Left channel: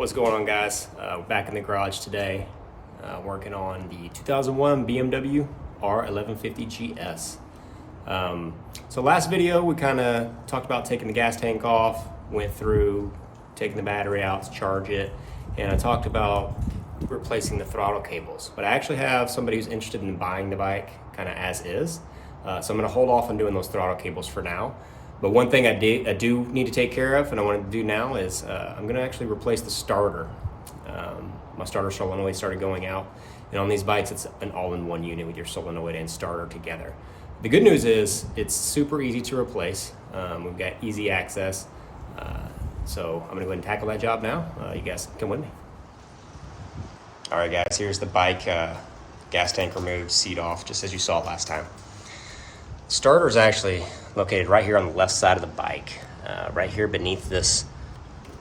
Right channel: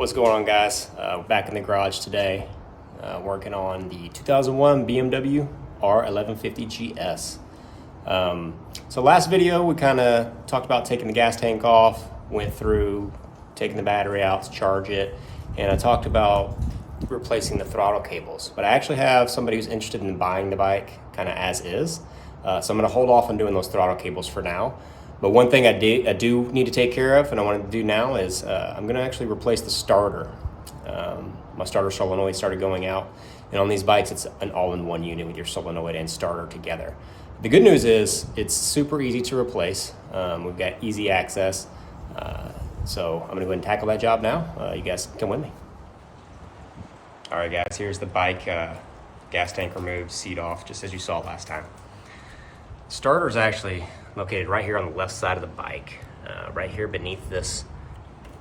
What's going on, guys? Back in the garage today, working on the 2001 BMW R1150GS. So last video, we kind of talked about taking the gas tank off, went through taking the battery out to charge it, and I talked about replacing the throttle cables. But I actually have somebody who's interested in buying the bike kind of as is. So I'm going to hold off on doing those throttle cables for now. But one thing I do need to take care of, and I want to do now, is I'm going to actually replace the starter. My starter solenoid started going out, and on these bikes it's an all-in-one unit with your solenoid and starter together. The good news is it's super easy to replace. We've got easy access, so I'm going to go ahead and tackle that job now. You guys come with me. All right, guys, here's the bike gas tank removed, seat off, just as you saw last time. Starter is actually located right here on the left side of the bike, right here beneath this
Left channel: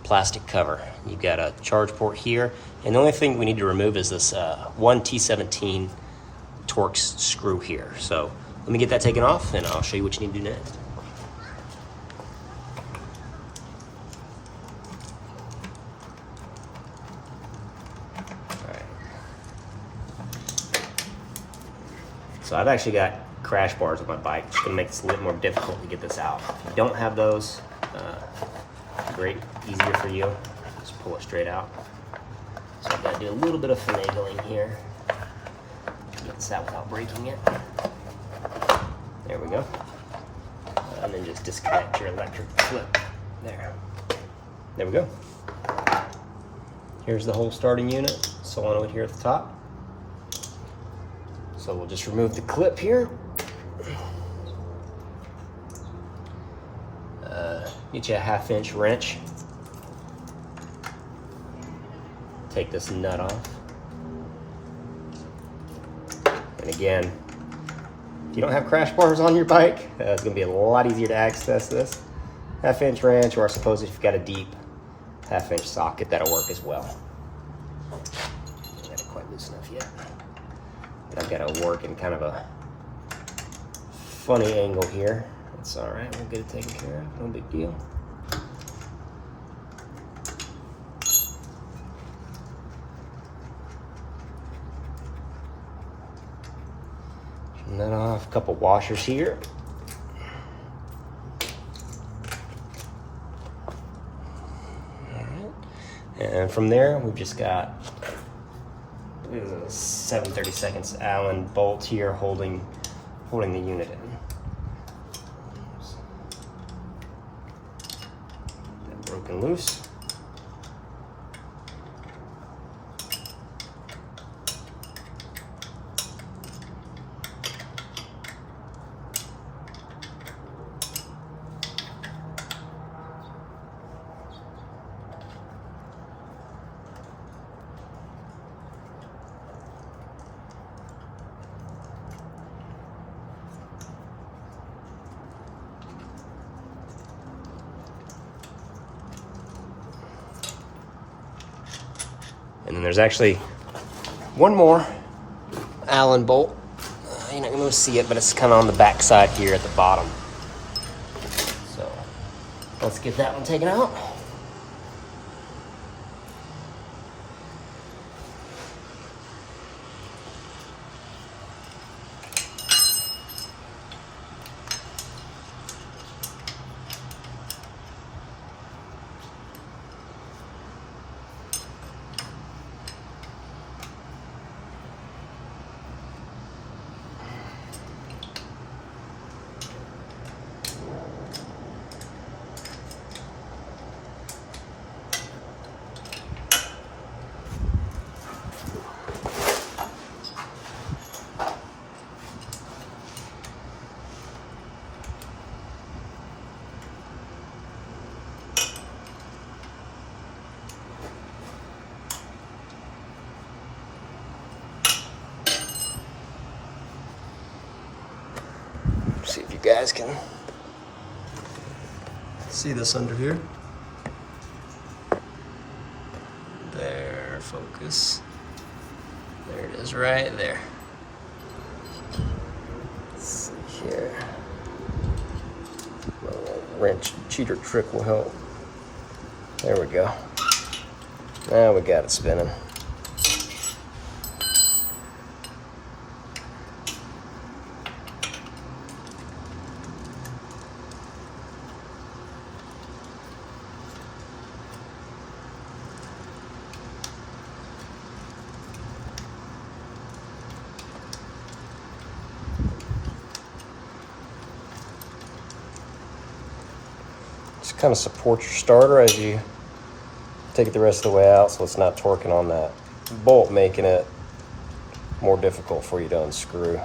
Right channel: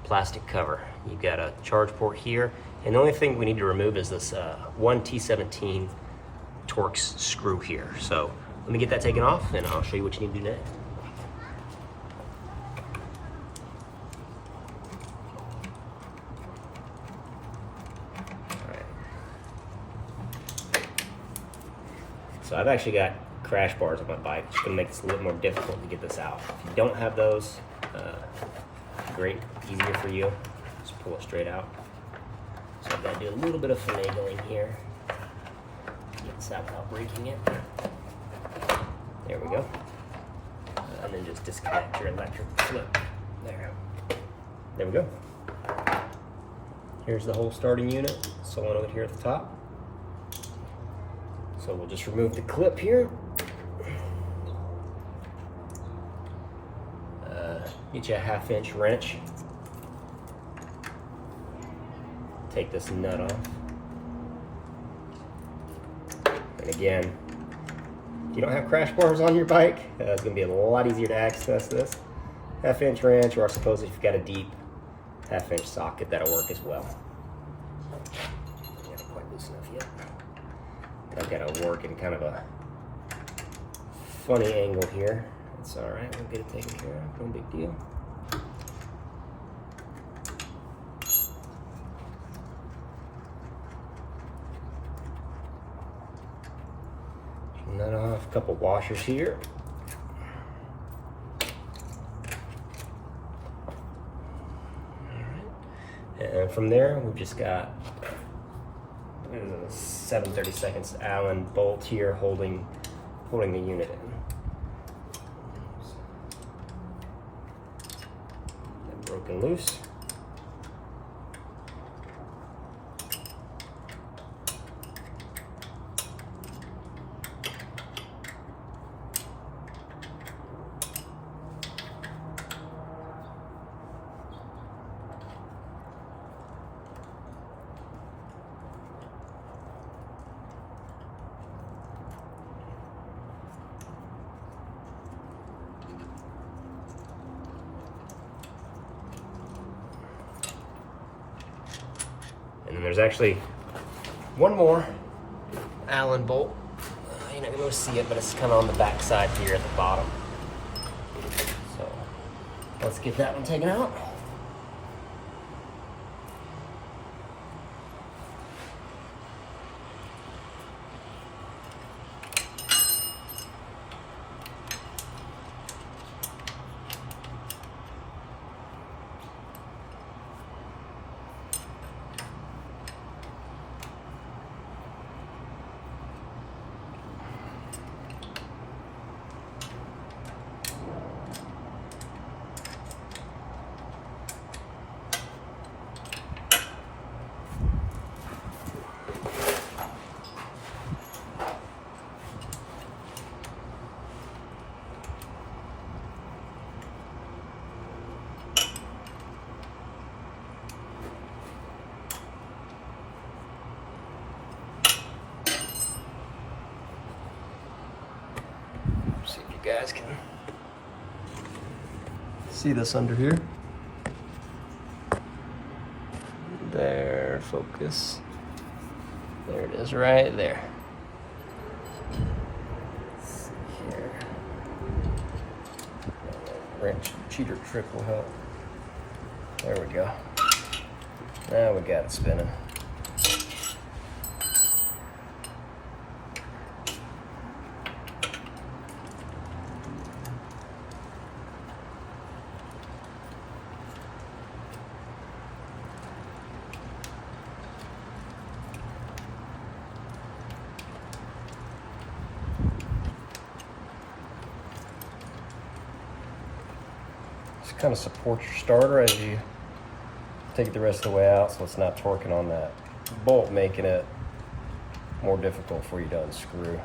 plastic cover. You've got a charge port here, and the only thing we need to remove is this one T17 Torx screw here. So let me get that taken off, and I'll show you what you need to do next. All right. So I've actually got crash bars on my bike, which is going to make this a little more difficult to get this out. If you don't have those, great, easier for you. Just pull it straight out. So I've got to do a little bit of finagling here to get this out without breaking it. There we go. And then just disconnect your electric clip. There we go. Here's the whole starting unit, solenoid here at the top. So we'll just remove the clip here. Get you a 1/2-inch wrench. Take this nut off. And again, if you don't have crash bars on your bike, it's going to be a lot easier to access this. 1/2-inch wrench, or I suppose if you've got a deep 1/2-inch socket, that'll work as well. I haven't quite loose enough yet. I've got to work in kind of a funny angle here. It's all right, we'll get it taken care of, no big deal. Turn that off, a couple washers here. All right. And from there, we've just got a 7/32 Allen bolt here holding the unit in. Broken loose. And then there's actually one more Allen bolt. You're not going to see it, but it's kind of on the back side here at the bottom. So let's get that one taken out. See if you guys can see this under here. There, focus. There it is, right there. Let's see here. A little wrench cheater trick will help. There we go. Now we got it spinning. Just kind of support your starter as you take it the rest of the way out so it's not torquing on that bolt, making it more difficult for you to unscrew.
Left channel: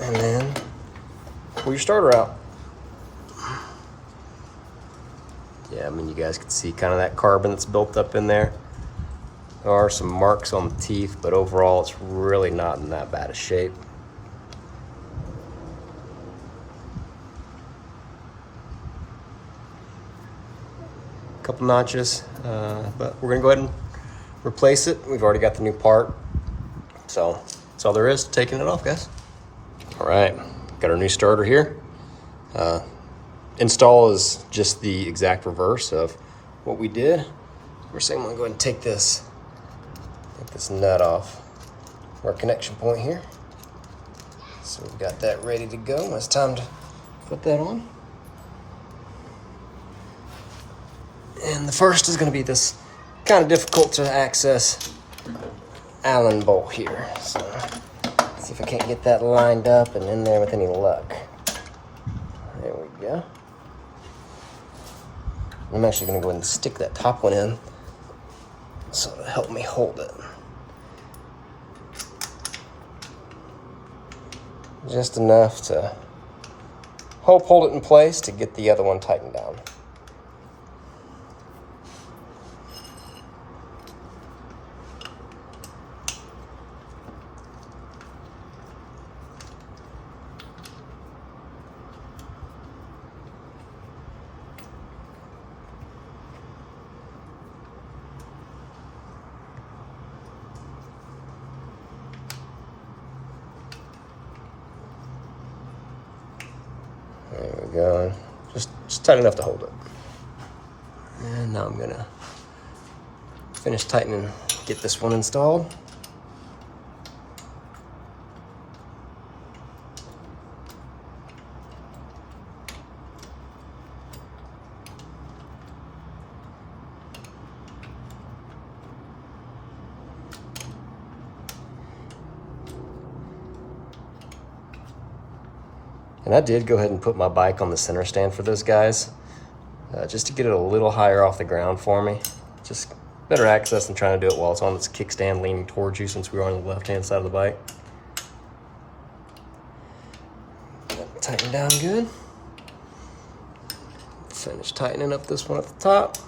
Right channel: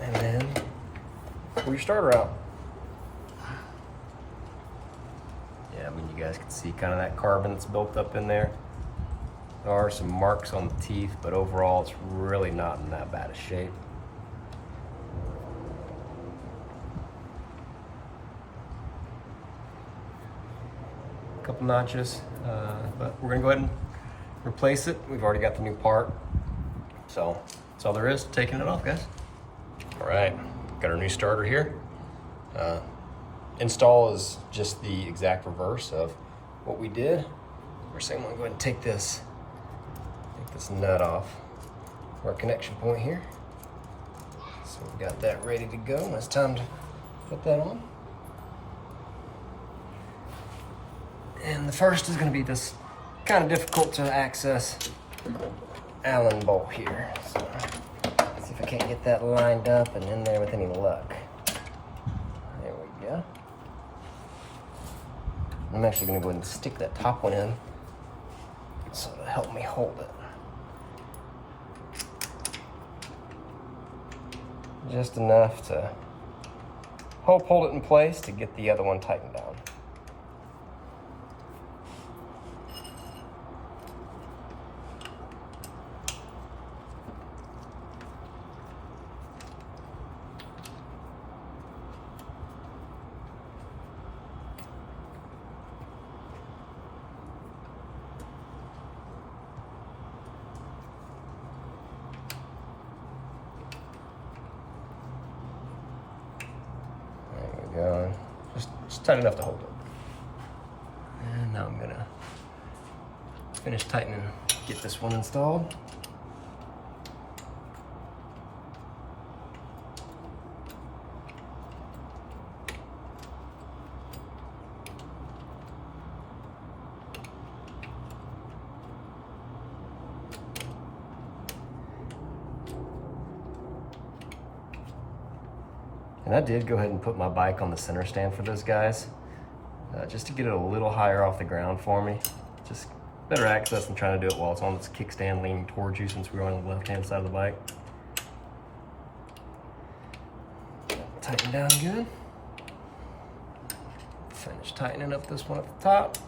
And then pull your starter out. Yeah, I mean, you guys can see kind of that carbon that's built up in there. There are some marks on the teeth, but overall it's really not in that bad a shape. A couple notches, but we're gonna go ahead and replace it. We've already got the new part. So that's all there is to taking it off, guys. All right, got our new starter here. Install is just the exact reverse of what we did. We're saying I'm gonna go ahead and take this nut off our connection point here. So we've got that ready to go. It's time to put that on. And the first is gonna be this kind of difficult to access Allen bolt here. So see if I can't get that lined up and in there with any luck. There we go. I'm actually gonna go ahead and stick that top one in so it'll help me hold it. Just enough to hold it in place to get the other one tightened down. There we go. Just tight enough to hold it. And now I'm gonna finish tightening, get this one installed. And I did go ahead and put my bike on the center stand for those guys, just to get it a little higher off the ground for me. Just better access than trying to do it while it's on its kickstand leaning towards you, since we're on the left-hand side of the bike. Tighten down good. Finish tightening up this one at the top.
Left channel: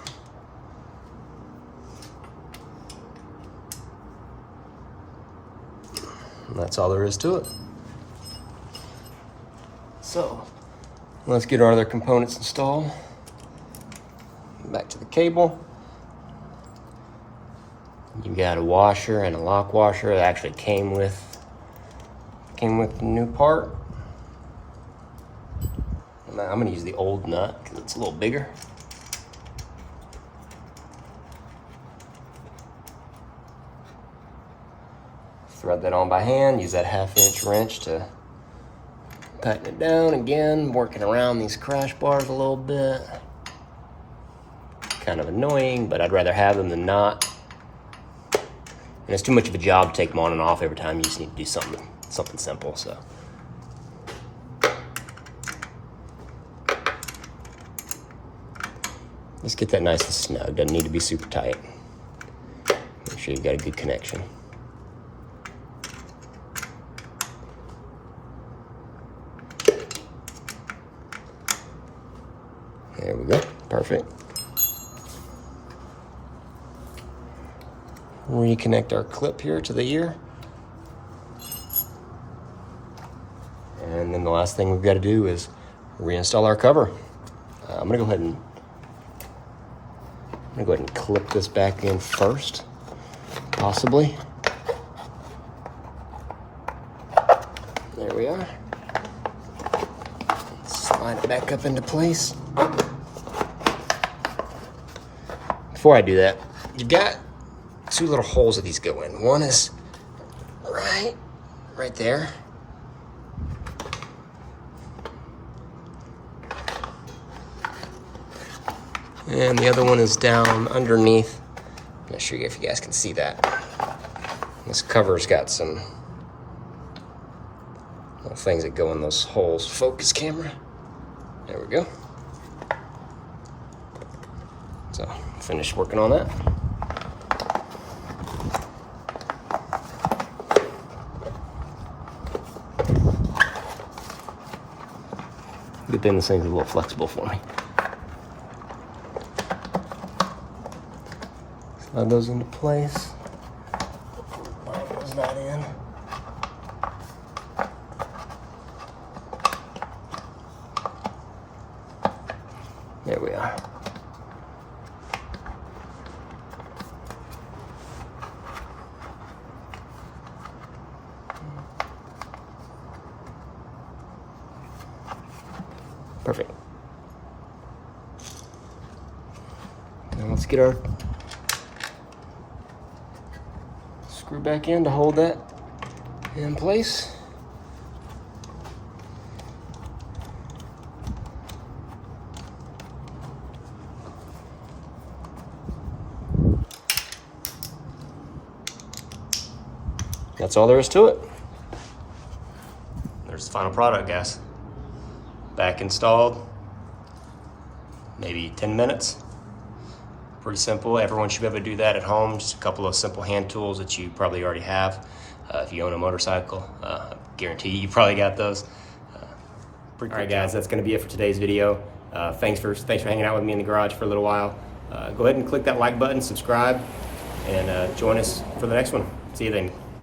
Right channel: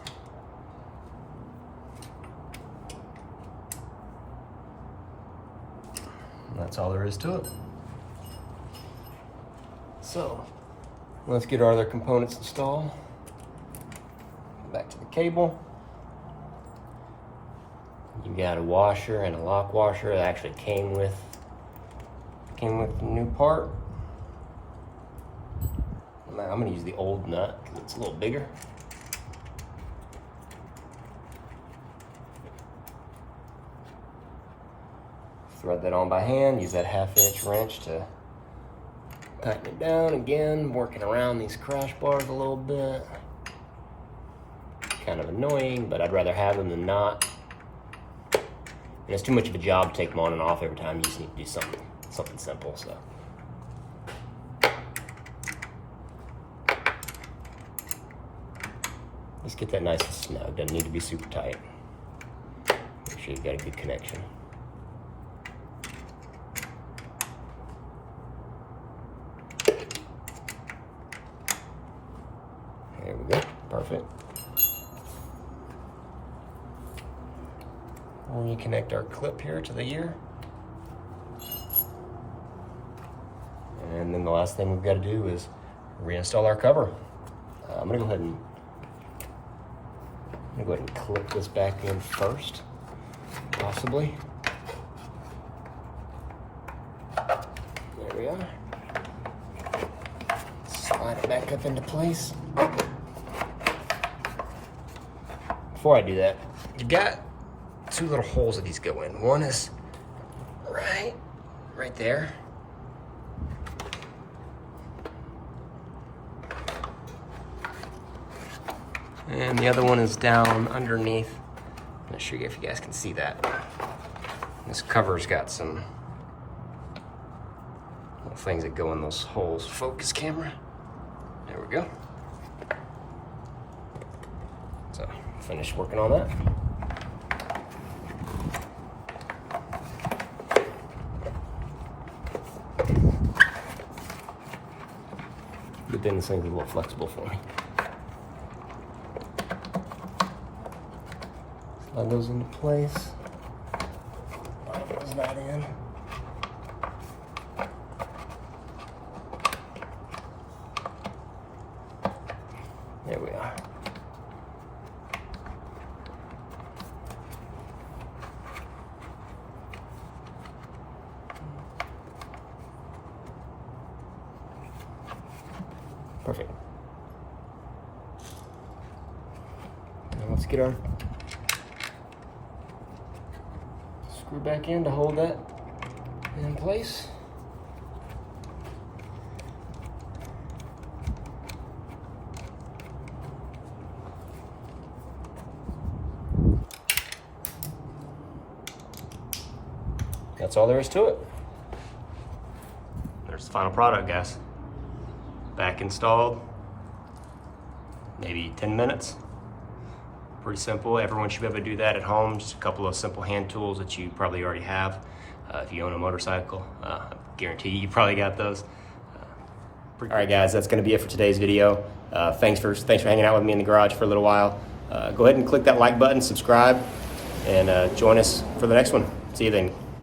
And that's all there is to it. So, let's get our other components installed. Back to the cable. You got a washer and a lock washer that actually came with the new part. Now I'm gonna use the old nut because it's a little bigger. Thread that on by hand, use that 1/2" wrench to tighten it down. Again, working around these crash bars a little bit. Kind of annoying, but I'd rather have them than not. And it's too much of a job to take them on and off every time. You just need to do something simple, so. Just get that nice and snug. Doesn't need to be super tight. Make sure you've got a good connection. There we go, perfect. Reconnect our clip here to the ear. And then the last thing we've got to do is reinstall our cover. I'm gonna go ahead and clip this back in first, possibly. There we are. Slide it back up into place. Before I do that, you've got two little holes that these go in. One is right there. And the other one is down underneath. I'm not sure if you guys can see that. This cover's got some little things that go in those holes. Focus camera. There we go. So, finished working on that. Good thing this thing's a little flexible for me. Slide those into place. Close that in. There we are. Perfect. Now let's get our screw back in to hold that in place. That's all there is to it. There's the final product, guys. Back installed, maybe 10 minutes. Pretty simple. Everyone should be able to do that at home. Just a couple of simple hand tools that you probably already have. If you own a motorcycle, I guarantee you probably got those. All right, guys, that's going to be it for today's video. Thanks for hanging out with me in the garage for a little while. Go ahead and click that like button, subscribe, and join us for the next one. See you then.